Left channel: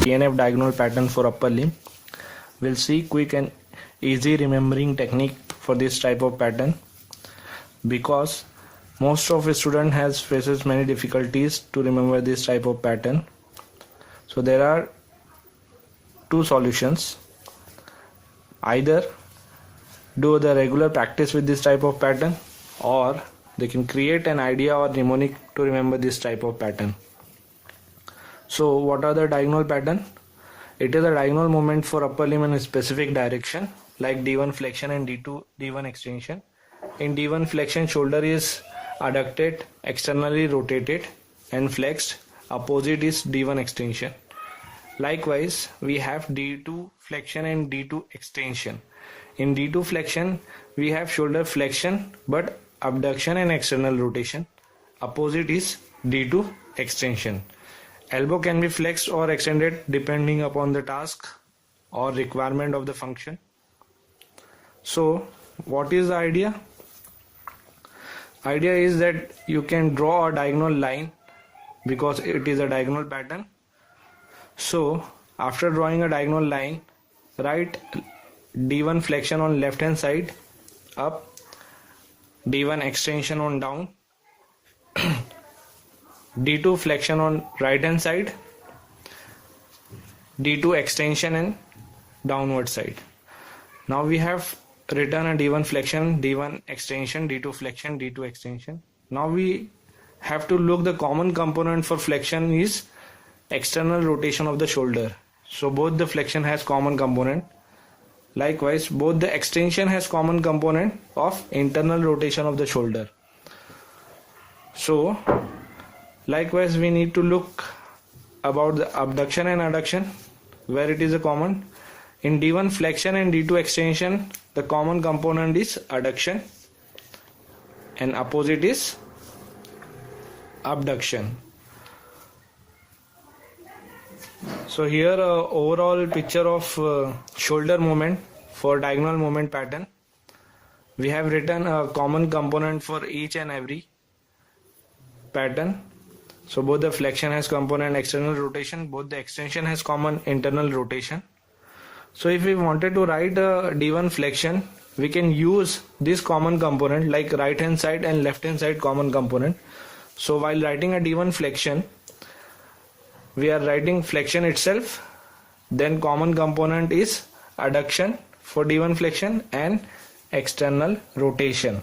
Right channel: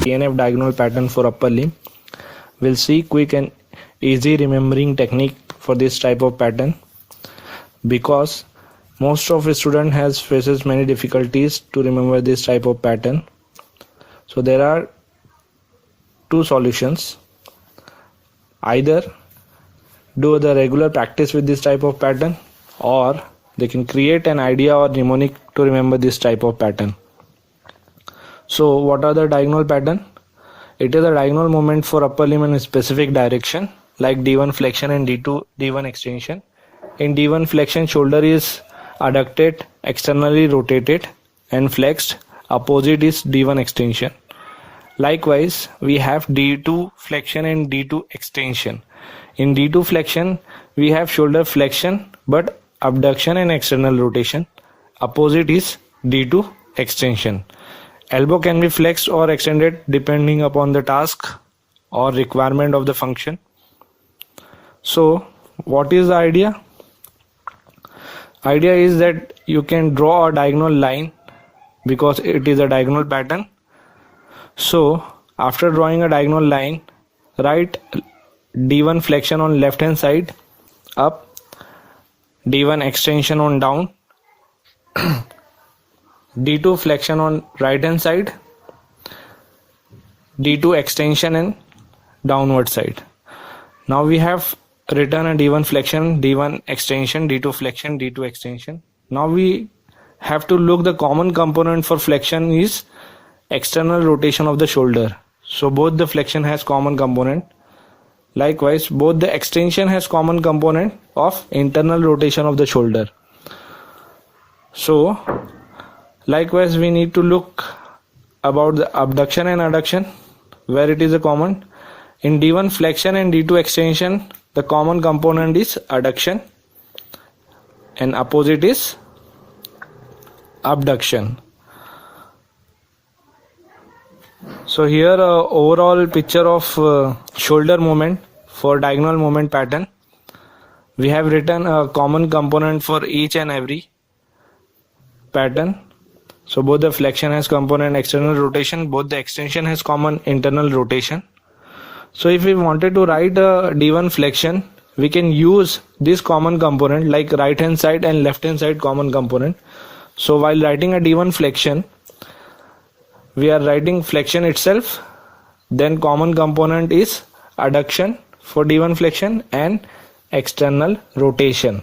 PNF diagonal pattern for upper limb. We'll see quick and easy remembering technique for this type of pattern, because most of the student faces many difficulties to remember this type of pattern. So there are two solutions. Either do the regular practice with this type of pattern, or they can create an idea or mnemonic to remember this type of pattern. So what are the diagonal pattern? It is a diagonal movement for upper limb in a specific direction, like D1 flexion and D1 extension. In D1 flexion, shoulder is adducted, externally rotated and flexed. Opposite is D1 extension. Likewise, we have D2 flexion and D2 extension. In D2 flexion, we have shoulder flexion but abduction and external rotation. Opposite is D2 extension. Elbow can be flexed or extended depending upon the task or requirement of the function. So, what is the idea? Idea is that you can draw a diagonal line because it is a diagonal pattern. So, after drawing a diagonal line, write D1 flexion on left hand side up, D1 extension on down, D2 flexion on right hand side, D2 extension and downward side. Now we have written a D1 flexion, D1 extension, D2 flexion, D2 extension. Now we have to look the common component for flexion is external rotation of the shoulder. So both the flexion has common component. Likewise, both the extension has common component of internal rotation of the shoulder. So likewise, we need to look about the abduction and adduction, where it is a common. In D1 flexion and D2 extension, the common component is adduction and opposite is abduction. So here overall picture of shoulder movement for diagonal movement pattern. We have written a common component for each and every pattern. So both the flexion has component external rotation, both the extension has common internal rotation. So if we wanted to write a D1 flexion, we can use this common component like right hand side and left hand side common component. So while writing a D1 flexion, we are writing flexion itself, then common component is adduction for D1 flexion and external rotation.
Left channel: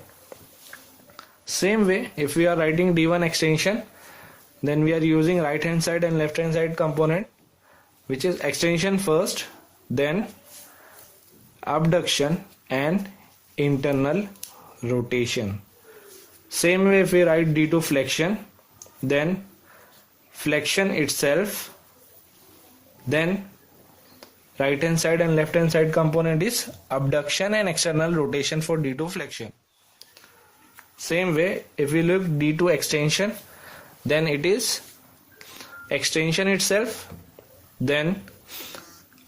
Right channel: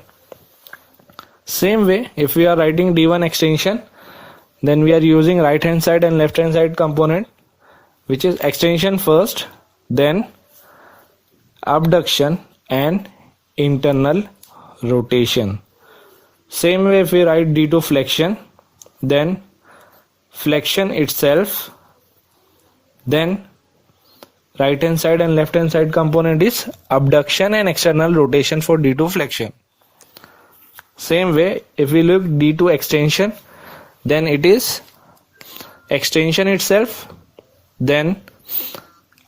Same way, if we are writing D1 extension, then we are using right hand side and left hand side component, which is extension first, then abduction and internal rotation. Same way, if we write D2 flexion, then flexion itself, then right hand side and left hand side component is abduction and external rotation for D2 flexion. Same way, if we look D2 extension, then it is extension itself, then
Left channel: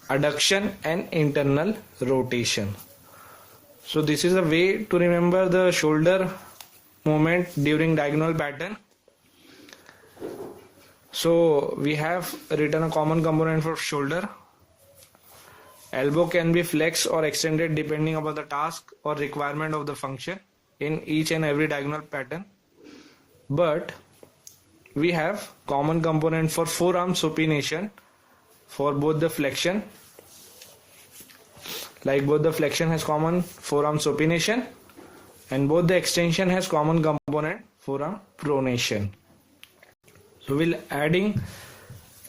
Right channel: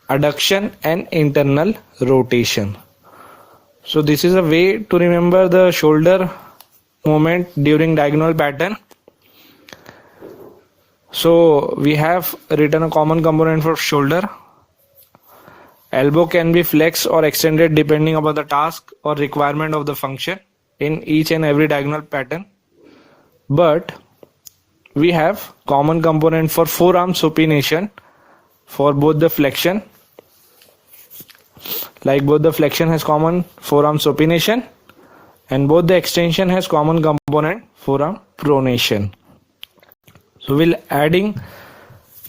adduction and internal rotation. So this is a way to remember the shoulder movement during diagonal pattern. So we have written a common component for shoulder. Elbow can be flexed or extended depending upon the task or requirement of the function in each and every diagonal pattern. But we have common component for forearm supination for both the flexion. Like both the flexion has common forearm supination and both the extension has common component forearm pronation. So we'll adding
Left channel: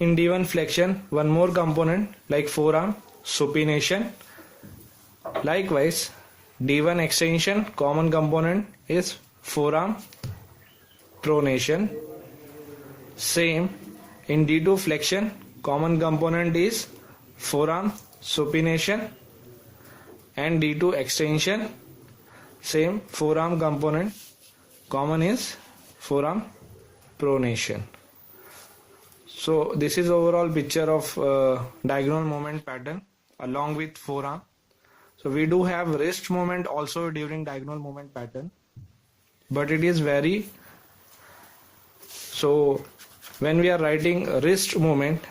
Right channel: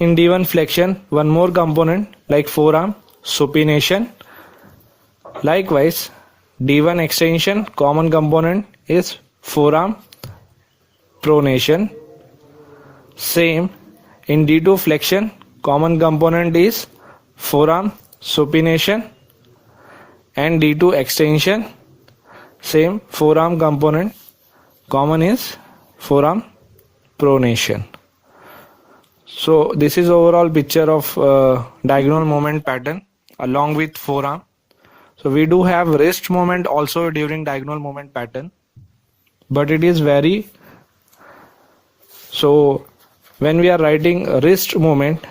in D1 flexion one more component like forearm supination. Likewise, D1 extension common component is forearm pronation. Same in D2 flexion common component is forearm supination, and D2 extension same forearm component common is forearm pronation. So this is overall picture of diagonal movement pattern along with forearm. So we do have wrist movement also during diagonal movement pattern, but it is very, so when we are writing wrist movement,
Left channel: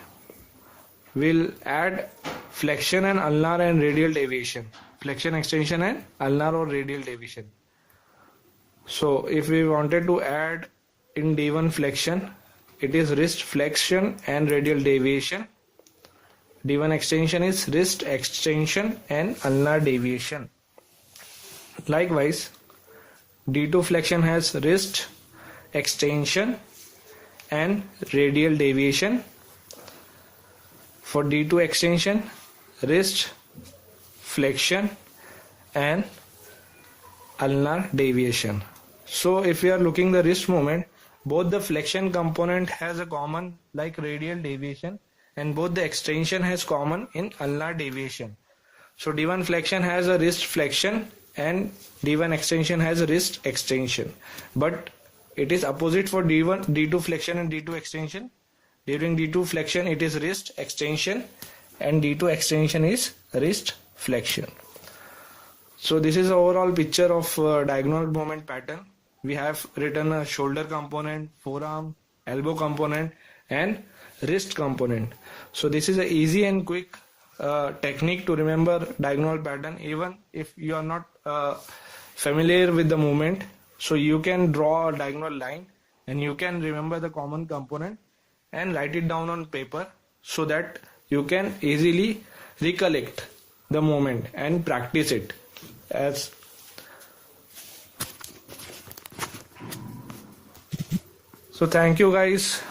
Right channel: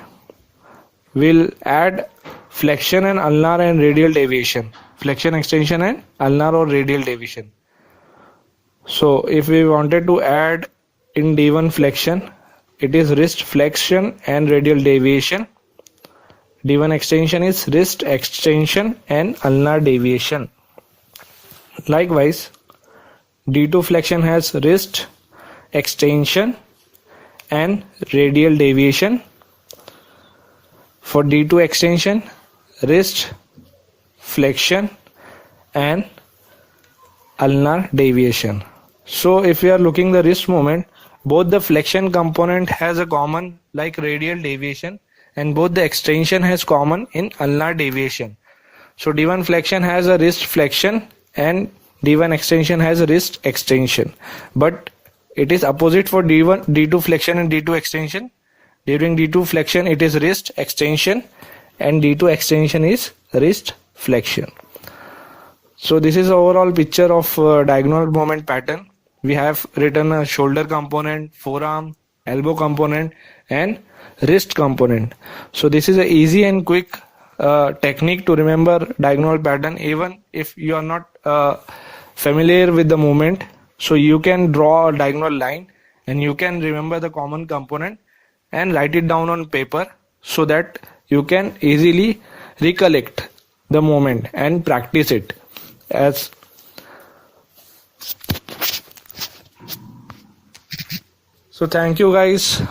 we'll add flexion and ulnar and radial deviation. Flexion, extension and ulnar or radial deviation. So if we wanted to add in D1 flexion, it is wrist flexion and radial deviation. D1 extension is wrist extension and ulnar deviation. Likewise, D2 flexion has wrist extension and radial deviation. For D2 extension, wrist flexion and ulnar deviation. So if we are looking the wrist movement, both the flexion component has a common like radial deviation, and both the extension has common in ulnar deviation. So D1 flexion has a wrist flexion and D1 extension has a wrist extension, but it is opposite for D2 flexion and D2 extension. During D2 flexion it is wrist extension and D2 extension is wrist flexion. So this is overall picture of diagonal movement pattern. We have written a shoulder component, forearm, elbow component and wrist component. So this is a easy and quick technique to remember diagonal pattern even if you are not familiar with the movement. So you can draw a diagonal line and you can remember the common component and write it down on paper so that you can easily recollect the movement and practice it. So thank you guys